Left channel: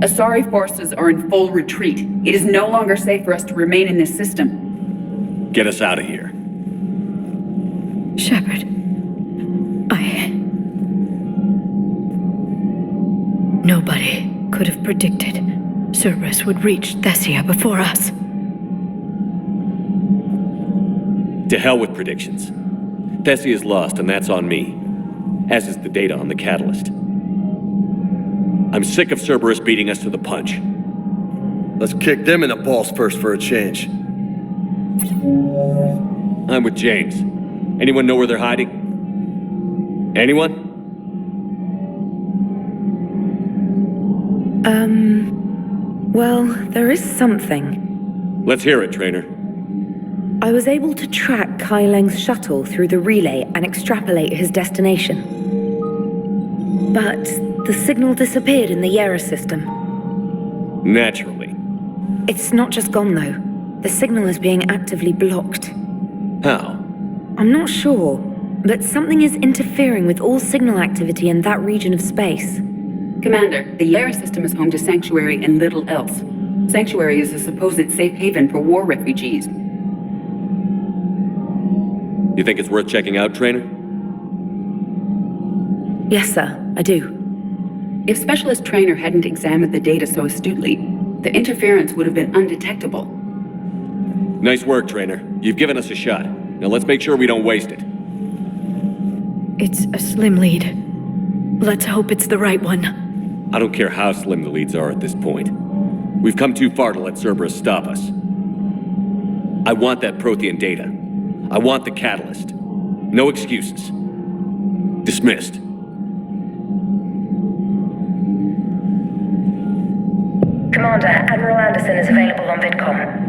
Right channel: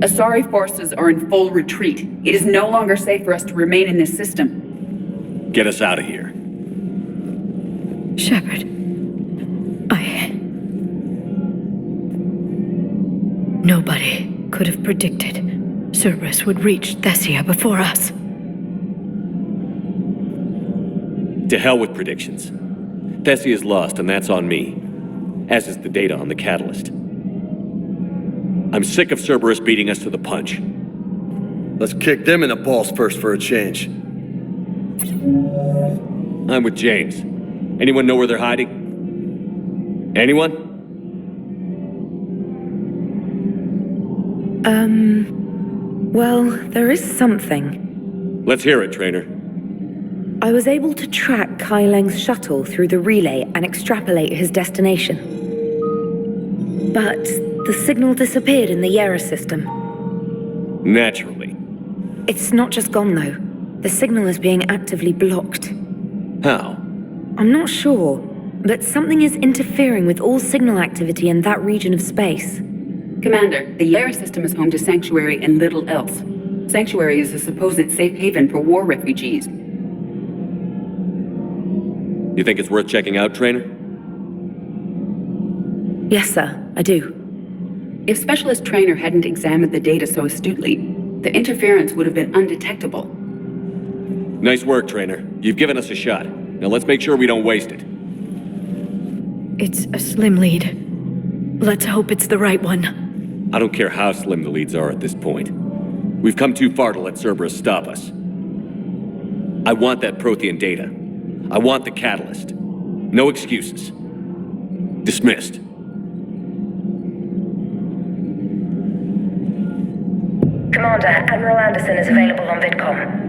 Asari forces are in full retreat. It is no longer safe for us to remain in this system. Get us out of here. Shepard. Nobody could have predicted Cerberus would reach Thessia before us. To hell with predictions. Thessia's lost, and that's on me. As is the data on the catalyst. I'm sick of Cerberus beating us to the punch. Let's kick them in the balls first for a change. I'm with James. Anyone know where they're hiding? Anyone? Well, there is something. Let's hear it, Trainer. I was able to track Kai Leng's shuttle through the relay and extrapolate his destination. But the signal disappeared in the Yera system. Naturally. It's not just gone, though. The signal is being actively blocked. How? I'm not sure, but something is interfering with all signal activity in that region of space. Commander, the Yera system is home to Sanctuary and little else. Sanctuary is a supposed safe haven for war refugees. You think it's worth checking out, Trainer? Yes, sir, I do. If Specialist Trainer hadn't examined the data so astutely, the interference would have been undetectable. Nice work, Trainer. You've given us a shot. Now let's make sure we don't waste it. It's a slim lead. Let's hope it's the right one. I don't care how slim the leads are at this point. We've come too far to let Cerberus stop us. I want that Prothean data. I want the catalyst. No excuses. Dismissed. Commander, Admiral Anderson is available on VidCom.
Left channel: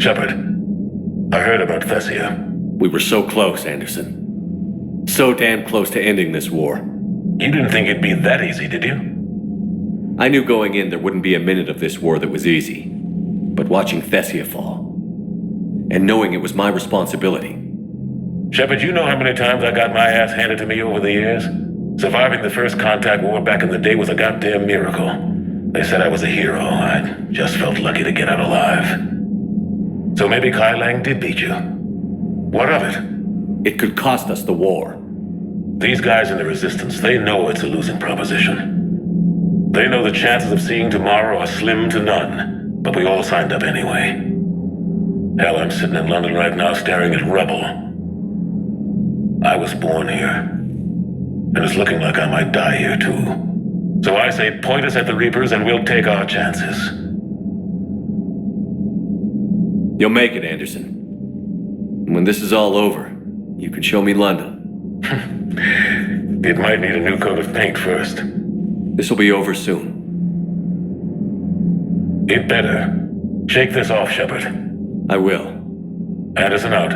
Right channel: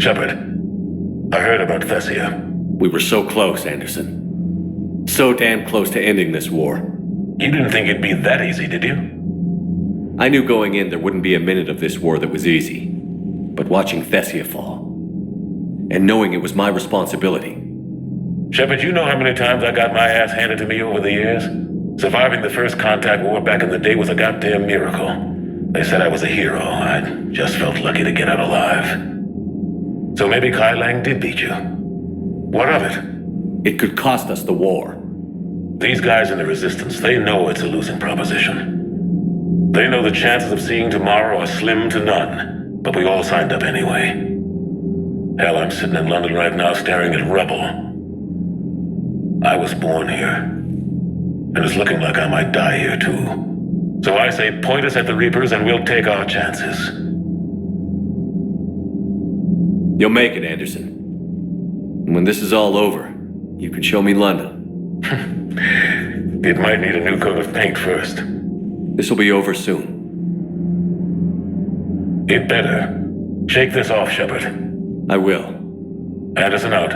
Shepard, I heard about Thessia. We were so close, Anderson. So damn close to ending this war. You didn't think it'd be that easy, did you? I knew going in there wouldn't be a minute of this war that was easy. But watching Thessia fall, and knowing it was my responsibility. Shepard, you know how many times I got my ass handed to me over the years? Surviving the first contact war back in the day was a goddamn miracle. They said I was a hero. I just felt lucky to get out alive. So maybe Kai Leng did beat you. What of it? It could cost us the war. These guys in the Resistance, they know it's a losing proposition. They know the chances of seeing tomorrow are slim to none, but we all signed up anyway. Hell, I'm sitting in London right now staring at rubble. I was born here, and it's looking like I might die here too. So I say point us at the Reapers and we'll take our chances. You'll make it, Anderson. And when this is all over, you can show me London. It might need a new coat of paint first. This will be over soon. It better. Shake this off, Shepard. I will. Anderson out.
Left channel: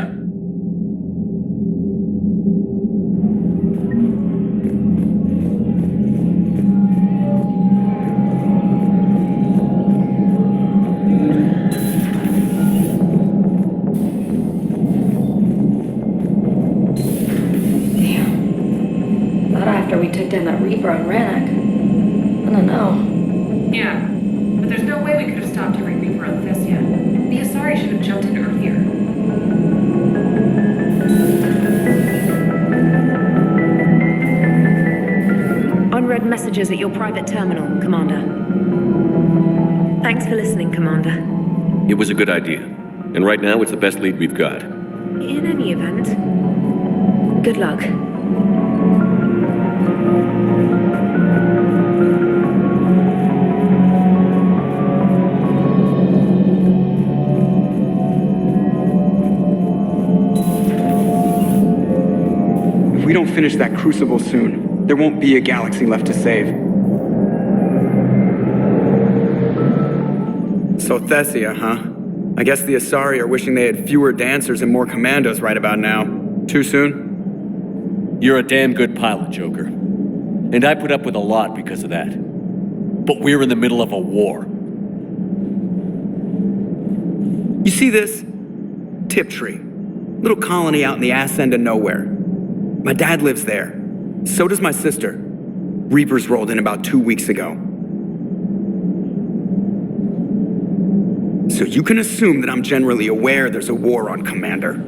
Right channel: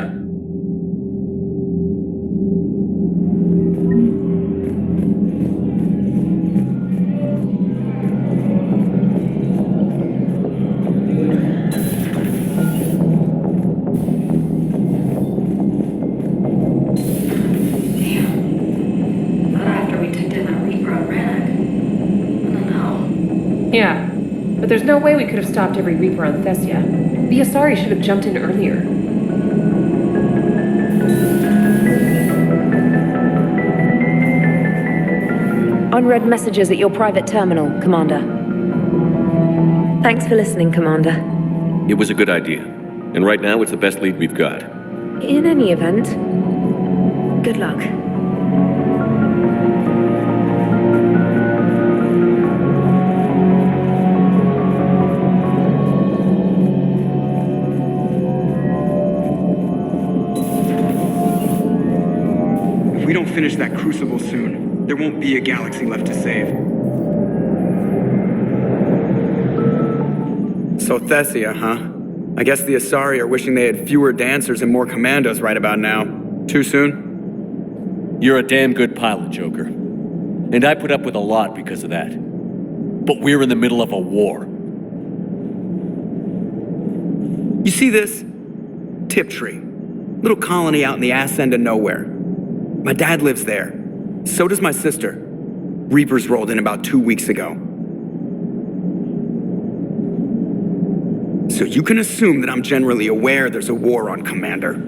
We took down that Reaper on Rannoch. I don't know. Yeah, but there's no way we could have stopped every Reaper on Thessia. The Asari should have jumped in earlier. Unread messages at your private terminal, Commander. Thanks for listening, Commander. It was a good idea. And right now, it's the best lead we've got. In any event, good luck. If we don't finish that crucible soon, there won't be a galaxy left to save. So Thessia, huh? I guess the Asari are wishing they had fewer dancers and more commandos right about now. Too soon? You're a damn good pilot, Joker. And I put up with a lot because of that. But we're in the middle of a war. You see this? Tiptree. Little colony out in the ass end of nowhere. My dad lives there. So does my sister. Reapers rolled in about 2 weeks ago. So you can assume that I'm generally aware there's a war on, Commander.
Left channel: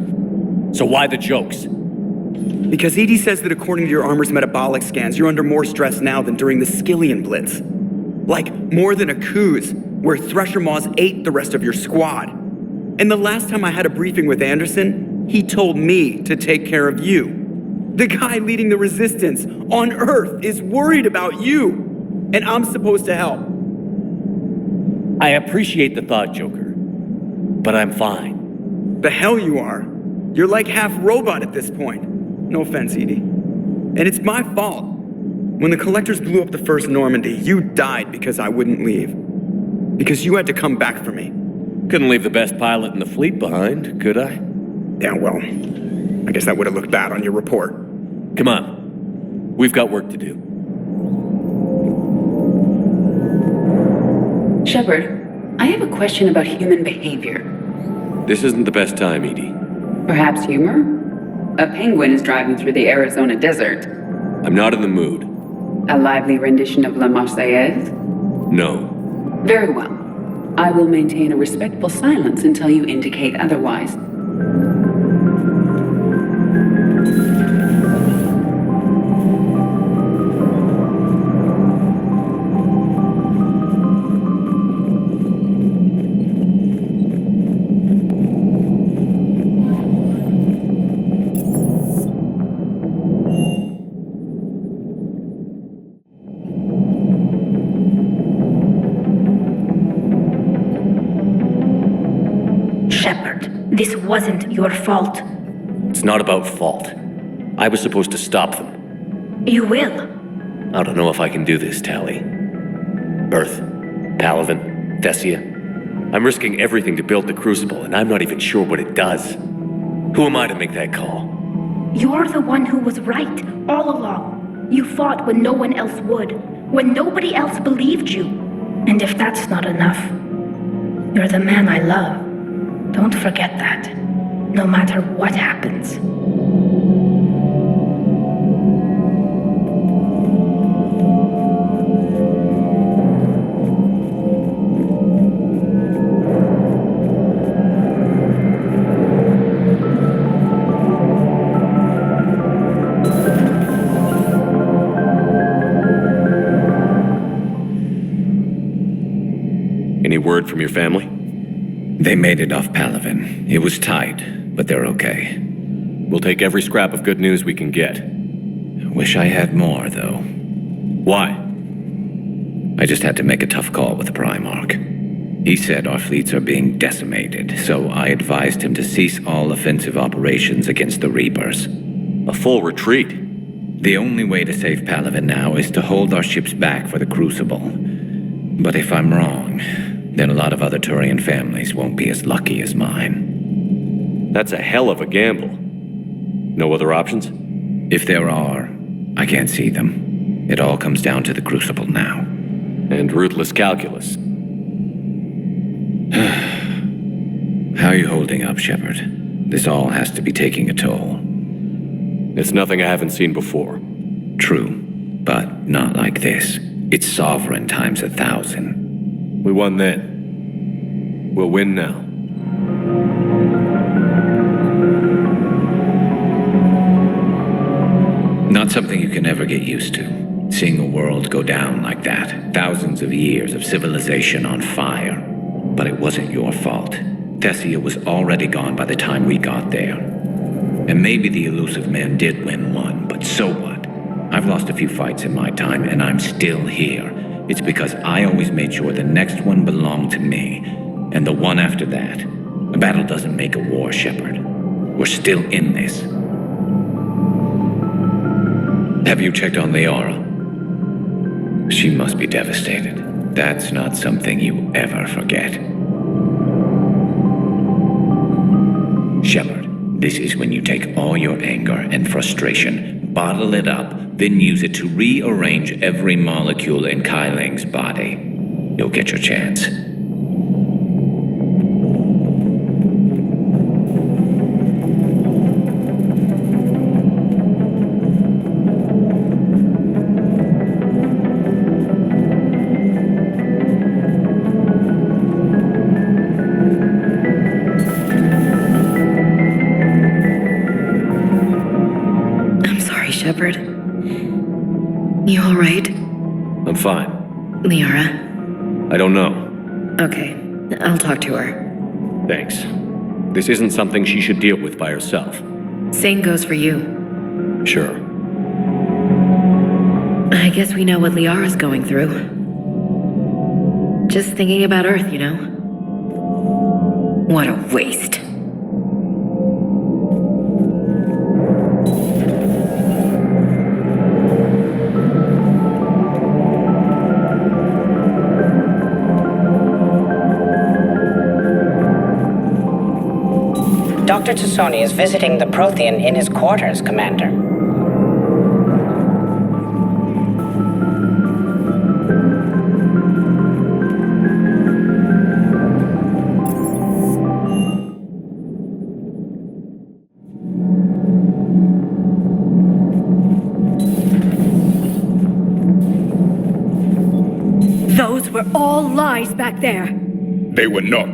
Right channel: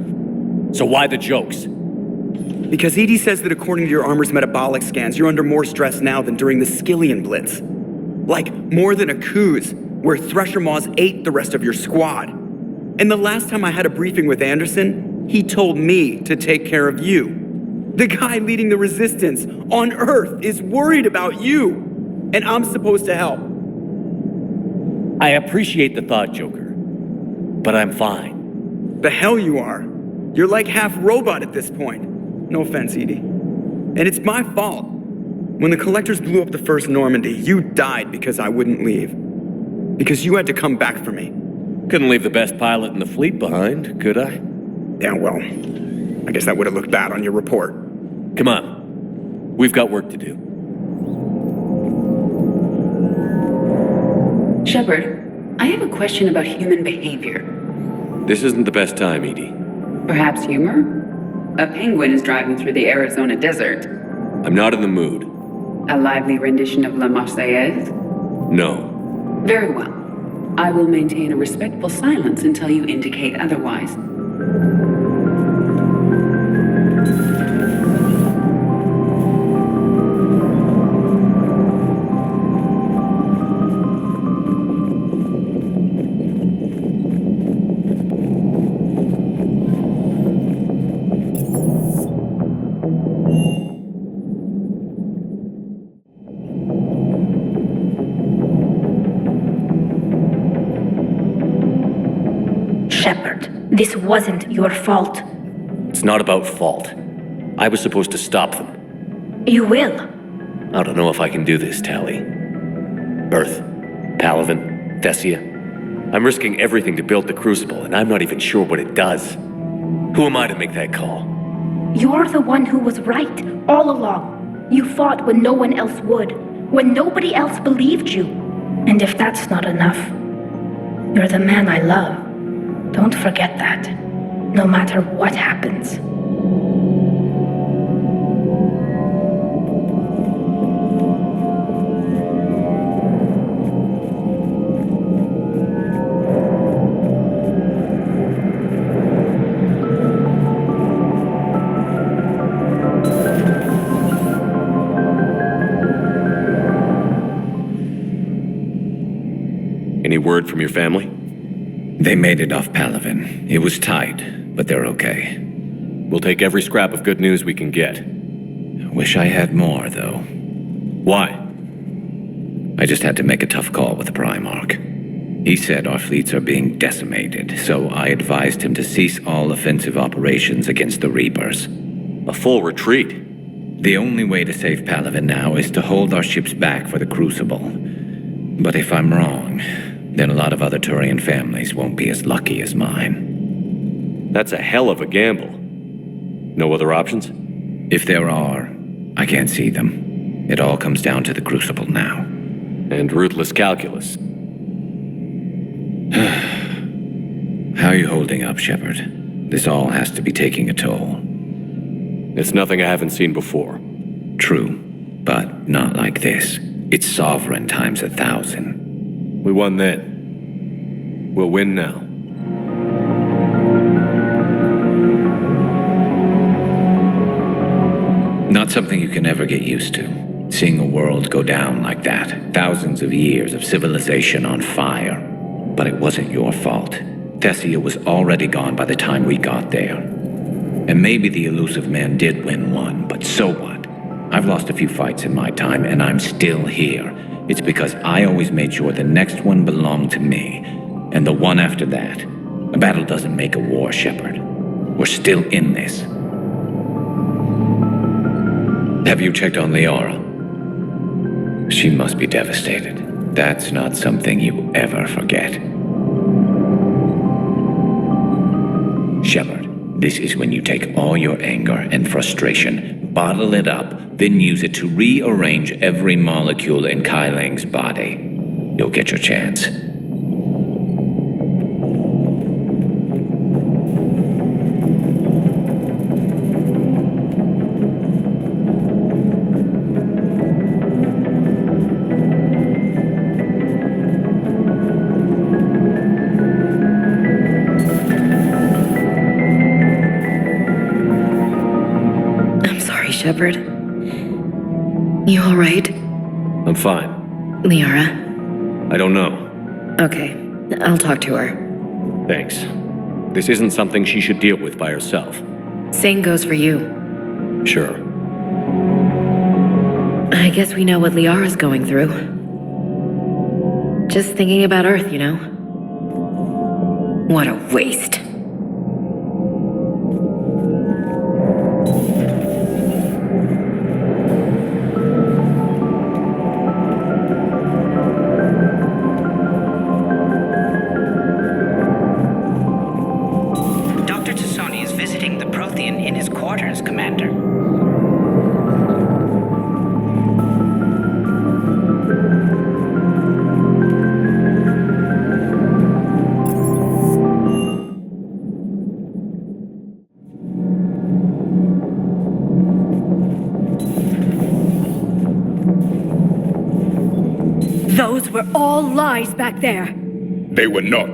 So why the jokes? Because Edie says that according to your armor's metabolic scans, you're under more stress now than during the Skillian Blitz. Like, more than a Kuz, where Thresher Maws ate the rest of your squad. And the last time I had a briefing with Anderson, he told me to take care of you. The guy leading the resistance on Earth is worried about you, and I'm supposed to help. I appreciate the thought, Joker. But I'm fine. The hell you are. You're like half robot at this point. No offense, Edie. And it's my fault. When the Collectors blew up the first Normandy, you died because I wouldn't leave. Because you had to come back for me. Couldn't leave the best pilot in the fleet behind, could I? Yeah, well, I guess that would have looked bad on your report. Come on. We've got work to do. Shepard, I have a question about human behavior. This isn't the best time, Edie. Perhaps humor? A penguin is driving through the Arizona desert. I'm not in the mood. A lively rendition of La Marseillaise? No. Very well. I will maintain a respectful silence until you indicate otherwise. This wasn't your fault. It's not about fault. I was supposed to stop them. You will. I don't know if I can do this, Tally. Earth, Palaven, Thessia. I'm risking everything to build the Crucible, and I'm not even sure what it does. Who am I to make that call? You're the one who was right, all along. You fought when no one else would, when nobody else believed you. And if that's not enough, you're the man I love. Don't forget that, no matter what happens. Any word from your family? They made it off Palaven. It was tight, but they're okay. We'll take every scrap of good news we can get. Wish I had more, though. Why? I just had to make a tough call with the Primarch. He said our fleets are being decimated, so I advised him to cease all offensive operations against the Reapers. A full retreat? The only way to save Palaven now is to hold our ships back for the Crucible. But if I'm wrong, then a lot of other Turian families won't be as lucky as mine. That's a hell of a gamble. No other options? If there are, I can't see them. It all comes down to the Crucible now. And ruthless calculus. How are you holding up, Shepard? This all has to be taking a toll. It's nothing I haven't seen before. True, but not like this. It's sovereign times 1,000. We won then. We'll win now. Not something you can ever get used to. Seeing a world go down like that. Thousands of years of civilization on fire. But it wasn't your fault. Thessia was already gone by the time we got there. And maybe the elusive man did win one, but so what? I've lost a few fights in my time, and I'm still here. It's because I always made sure the next one belonged to me, and the one after that. A battle doesn't make a war, Shepard. We're still in this. Have you checked on Liara? She must be devastated. That's not something you ever forget. Shepard, this is when you take all your anger and frustration, bottle it up, then use it to rearrange every molecule in Kai Leng's body. You'll get your chance. Shepard. You alright? I'm fine. Liara? I don't know. Okay, I'll talk to her. Thanks. This isn't something she should deal with by herself. Same goes for you. Sure. I guess we know what Liara's going through. Just thinking about Earth, you know? What a waste. Dr. Tassoni is visiting the Prothean in his quarters, Commander. Those were all lies back there. They were not.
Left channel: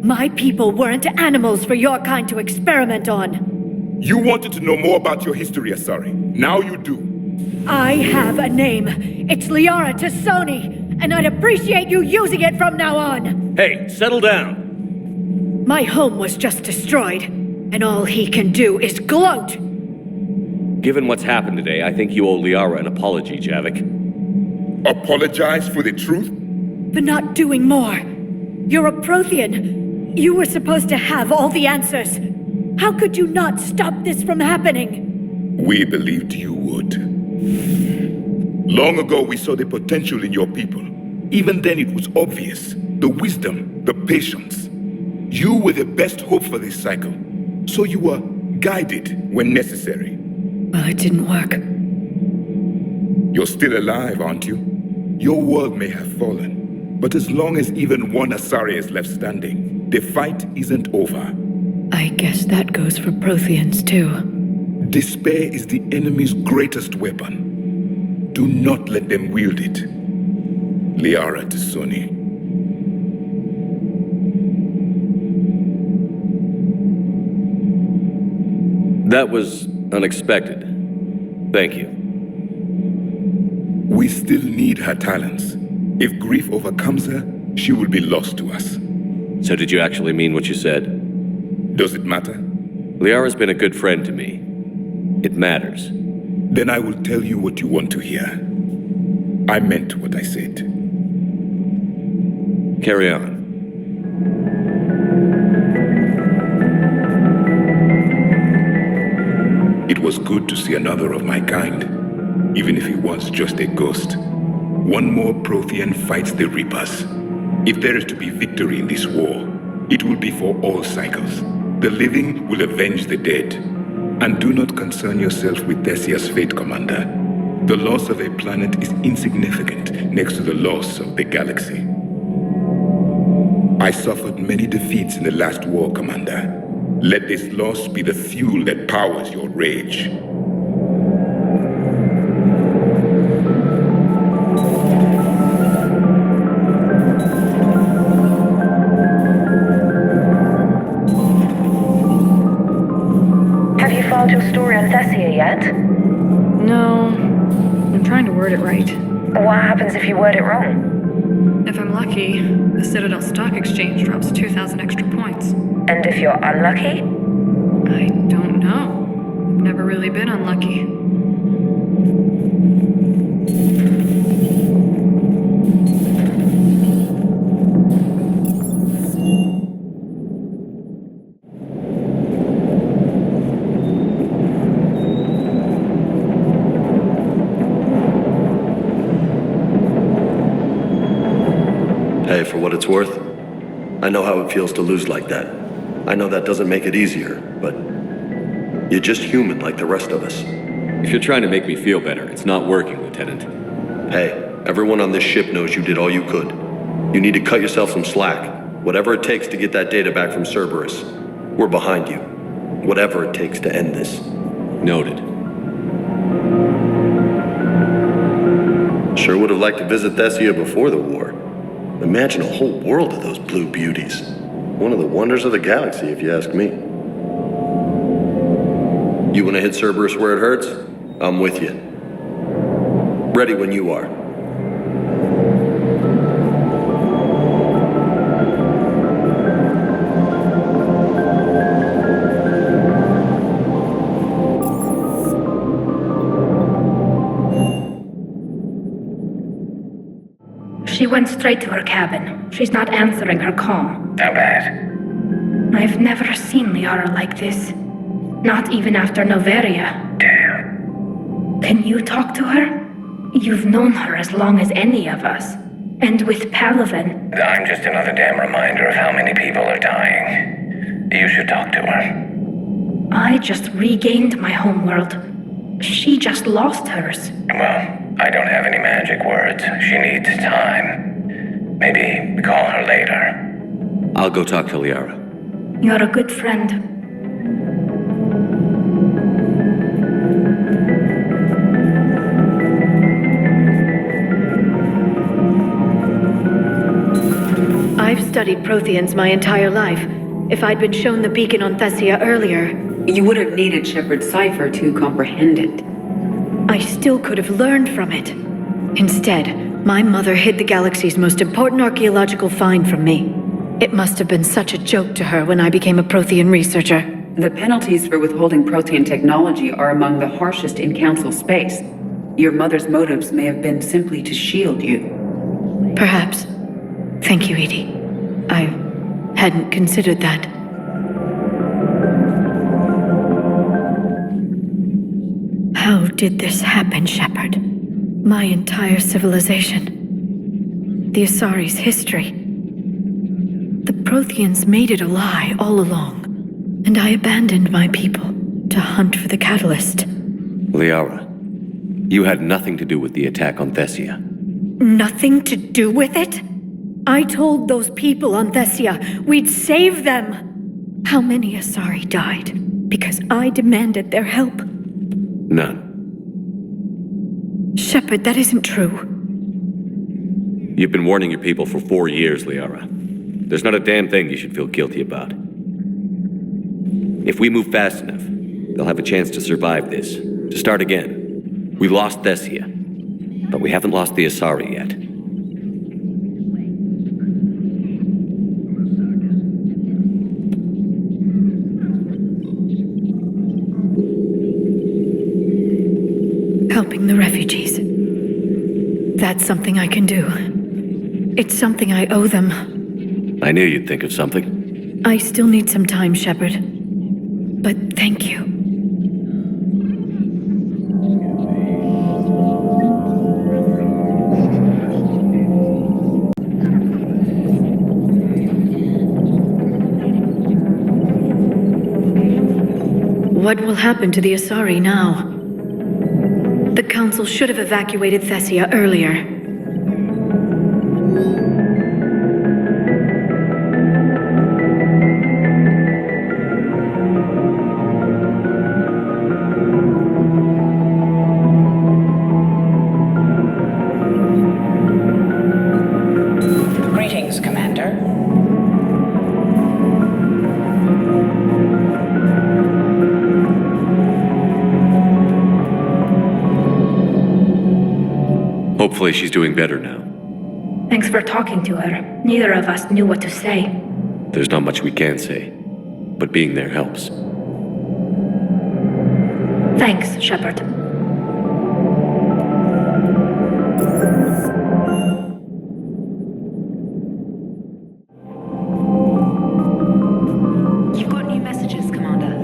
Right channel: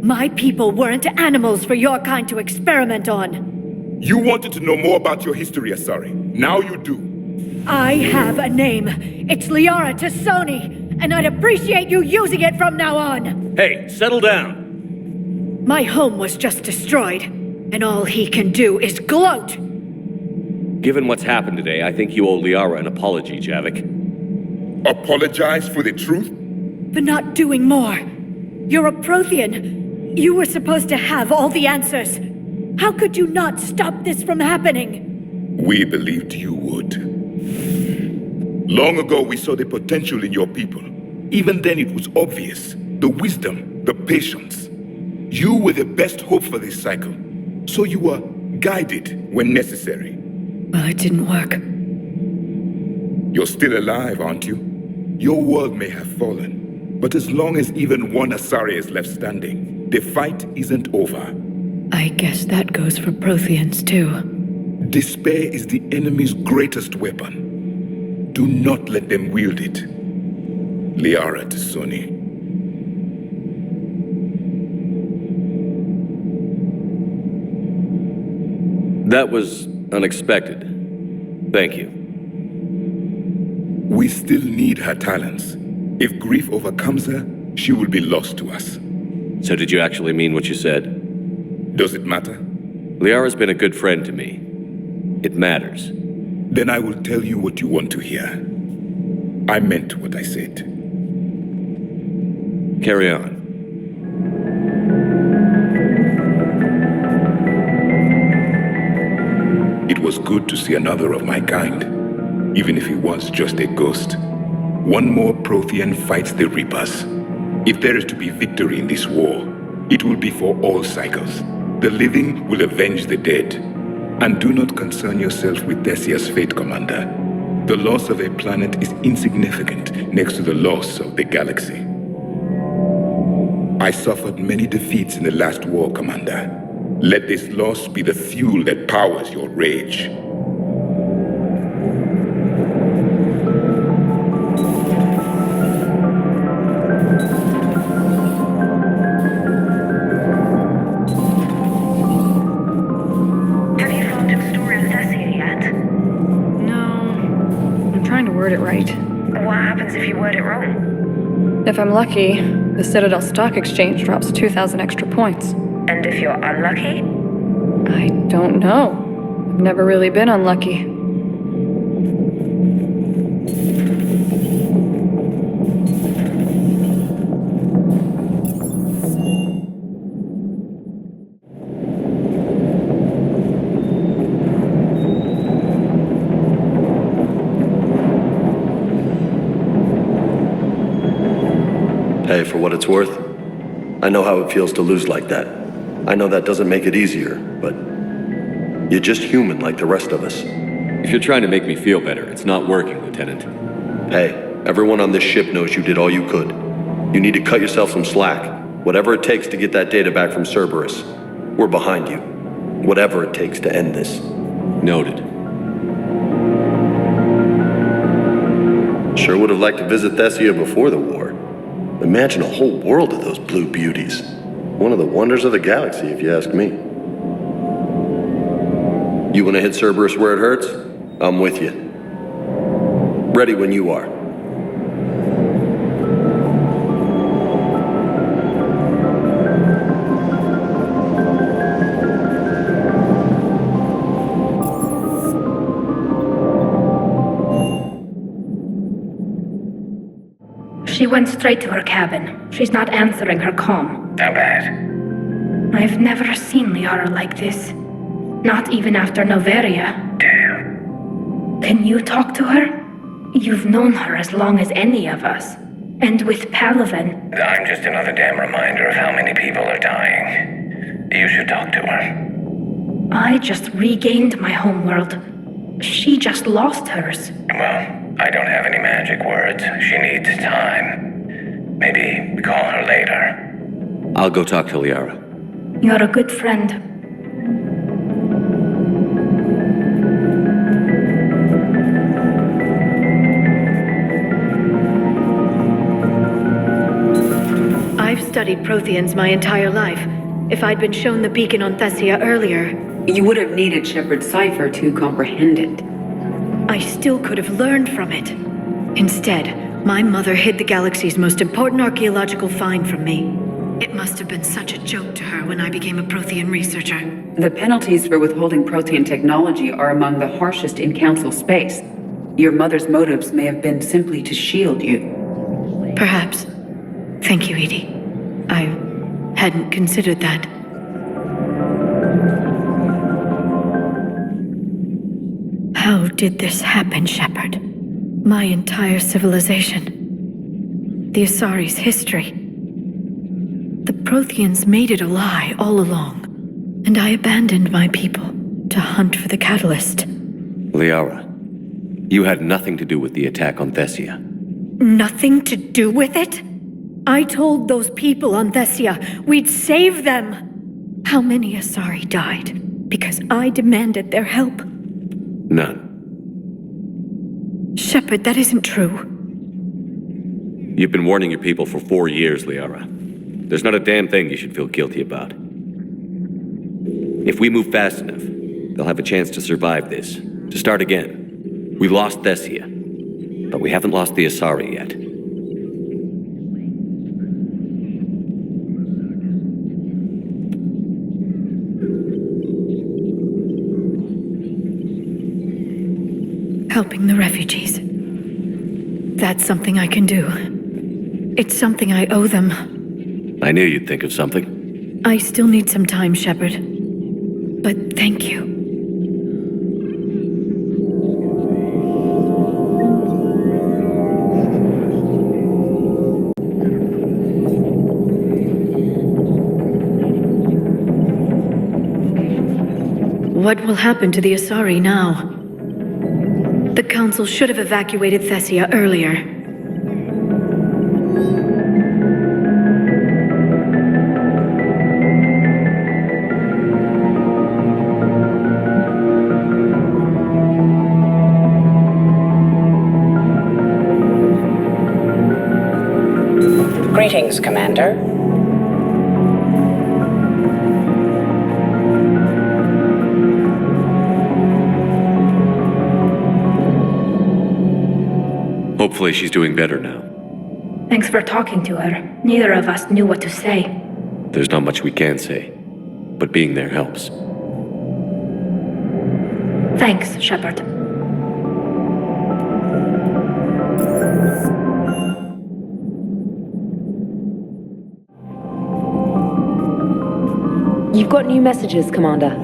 My people weren't animals for your kind to experiment on. You wanted to know more about your history, Asari. Now you do. I have a name. It's Liara Tassoni, and I'd appreciate you using it from now on. Hey, settle down. My home was just destroyed, and all he can do is gloat. Given what's happened today, I think you owe Liara an apology, Javik. Apologize for the truth? For not doing more. You're a Prothean. You were supposed to have all the answers. How could you not stop this from happening? We believed you would. Long ago, we saw the potential in your people. Even then, it was obvious. The wisdom, the patience. You were the best hope for this cycle. So you were guided when necessary. Well, it didn't work. You're still alive, aren't you? Your world may have fallen, but as long as even one Asari is left standing, the fight isn't over. I guess that goes for Protheans, too. Despair is the enemy's greatest weapon. Do not let them wield it. Liara Tassoni. That was unexpected. Thank you. We still need her talents. If grief overcomes her, she will be lost to us. So did you actually mean what you said? Does it matter? Liara's been a good friend to me. It matters. Then I will tell you what you want to hear. I meant what I said. Carry on. It was good to see another of my kind, even if he was just a ghost. One more Prothean fights the Reapers. If there is to be victory in this war, it will be for all cycles. The living will avenge the dead. And do not concern yourself with Thessia's fate, Commander. The loss of a planet is insignificant next to the loss of the galaxy. I suffered many defeats in the last war, Commander. Let this loss be the fuel that powers your rage. Have you filed your story on Thessia yet? No. I'm trying to word it right. What happens if you word it wrong? If I'm lucky, the Citadel Stock Exchange drops 2,000 extra points. And if you're unlucky? I don't know. I've never really been unlucky. Hey, for what it's worth, I know how it feels to lose like that. I know that doesn't make it easier, but you're just human like the rest of us. If you're trying to make me feel better, it's not working, Lieutenant. Hey, everyone on this ship knows you did all you could. You need to cut yourself some slack. Whatever it takes to get that data back from Cerberus. We're behind you. Whatever it takes to end this. Noted. Sure would have liked to visit Thessia before the war. Imagine a whole world of those blue beauties. One of the wonders of the galaxy, if you ask me. You want to hit Cerberus where it hurts? I'm with you. Ready when you are. She went straight to her cabin. She's not answering her comm. How bad? I've never seen Liara like this. Not even after Noveria. Damn. Can you talk to her? You've known her as long as any of us. And with Palaven. I'm just another damn reminder of how many people are dying. You should talk to her. I just regained my homeworld. She just lost hers. Well, I don't have any magic words. She needs time. Maybe call her later. I'll go talk to Liara. You're a good friend. I've studied Protheans my entire life. If I'd been shown the beacon on Thessia earlier... You would have needed Shepard's cipher to comprehend it. I still could have learned from it. Instead, my mother hid the galaxy's most important archaeological find from me. It must have been such a joke to her when I became a Prothean researcher. The penalties for withholding Prothean technology are among the harshest in Council space. Your mother's motives may have been simply to shield you. Perhaps. Thank you, Edie. I hadn't considered that. How did this happen, Shepard? My entire civilization. The Asari's history. The Protheans made it a lie all along, and I abandoned my people to hunt for the catalyst. Liara, you had nothing to do with the attack on Thessia. Nothing to do with it? I told those people on Thessia we'd save them. How many Asari died because I demanded their help? None. Shepard, that isn't true. You've been warning your people for 4 years, Liara. There's not a damn thing you should feel guilty about. If we move fast enough, they'll have a chance to survive this, to start again. We lost Thessia, but we haven't lost the Asari yet. Helping the refugees. That's something I can do. It's something I owe them. I knew you'd think of something. I still need some time, Shepard. But thank you. What will happen to the Asari now? The Council should have evacuated Thessia earlier. Greetings, Commander. Hopefully she's doing better now. Thanks for talking to her. Neither of us knew what to say. There's not much we can say, but being there helps. Thanks, Shepard. You've got new messages, Commander.